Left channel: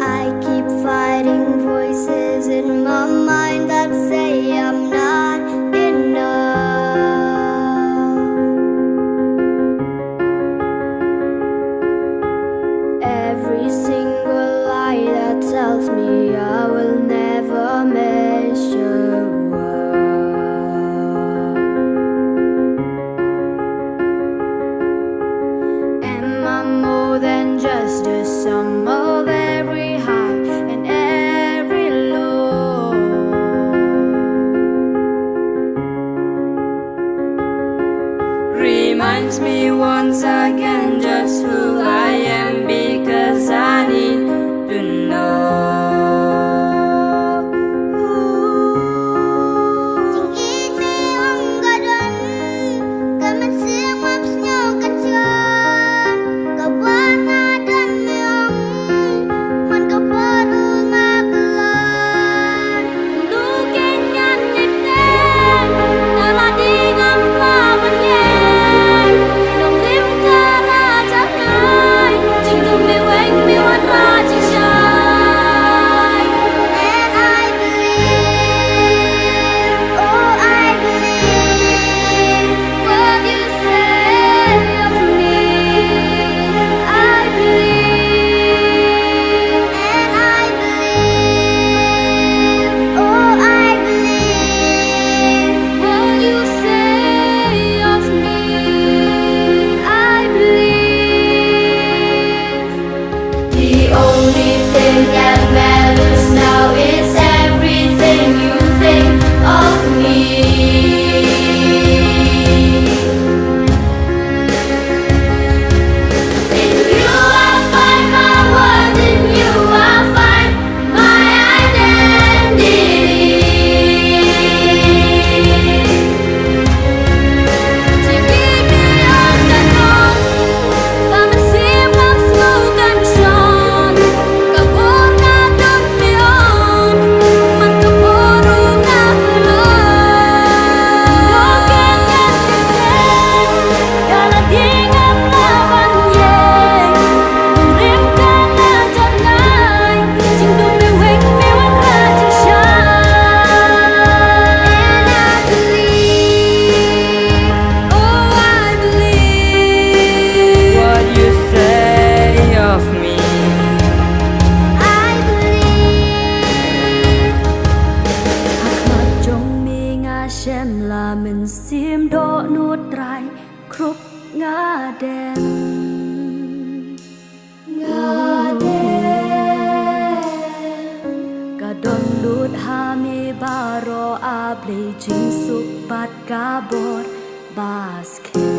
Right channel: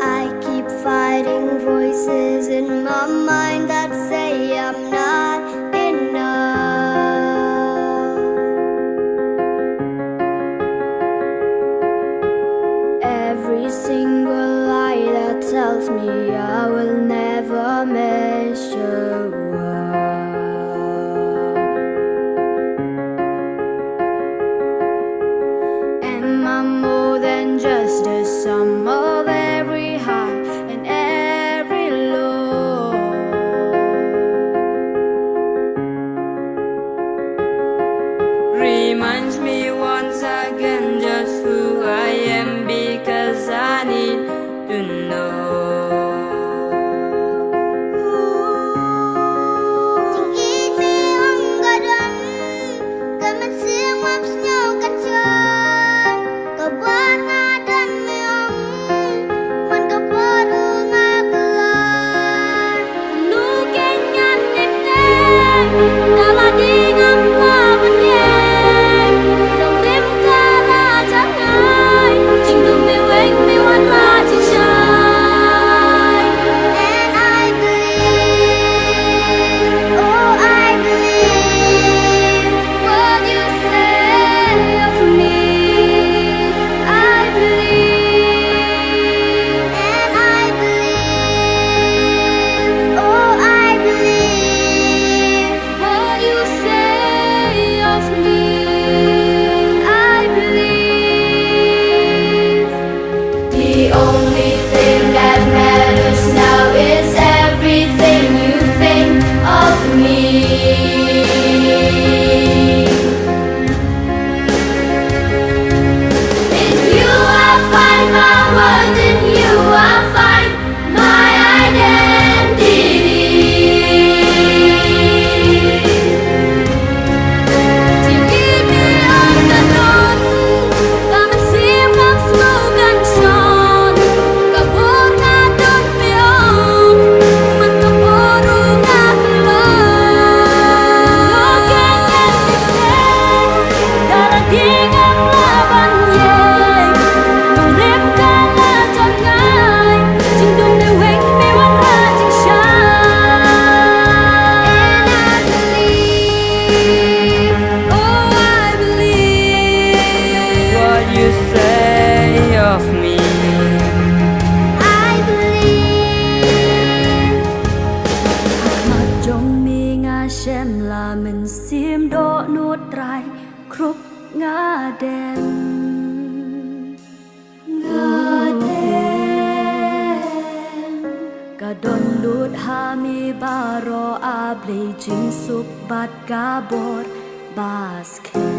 I keep fighting voices in my mind that say I'm not enough. Every single lie that tells me I will never measure up. Am I more than just the sum of every high and every low? Reminds me once again just who I am, because I need to know. The only thing that matters now is everything you think of me. In you I find my worth, in you I find my identity. Chỉ nghĩ mi ơn cả đón và mình xiêm ngắm sâuกันชอน kabor nga don mi ong man kaboru nga kelon no kenyan ite dala dingam laban ye nung rim kala jar ngai jing dum me weng me wan ra jing shine. And I believe, oh I believe What you say of me. I believe. Hak mặt trong mi nga xem là mình xiêm đỗ nuốt trai khúc nga đêm cả đòn lút ha mi ba ro a ble jing suk bat ka bor basket.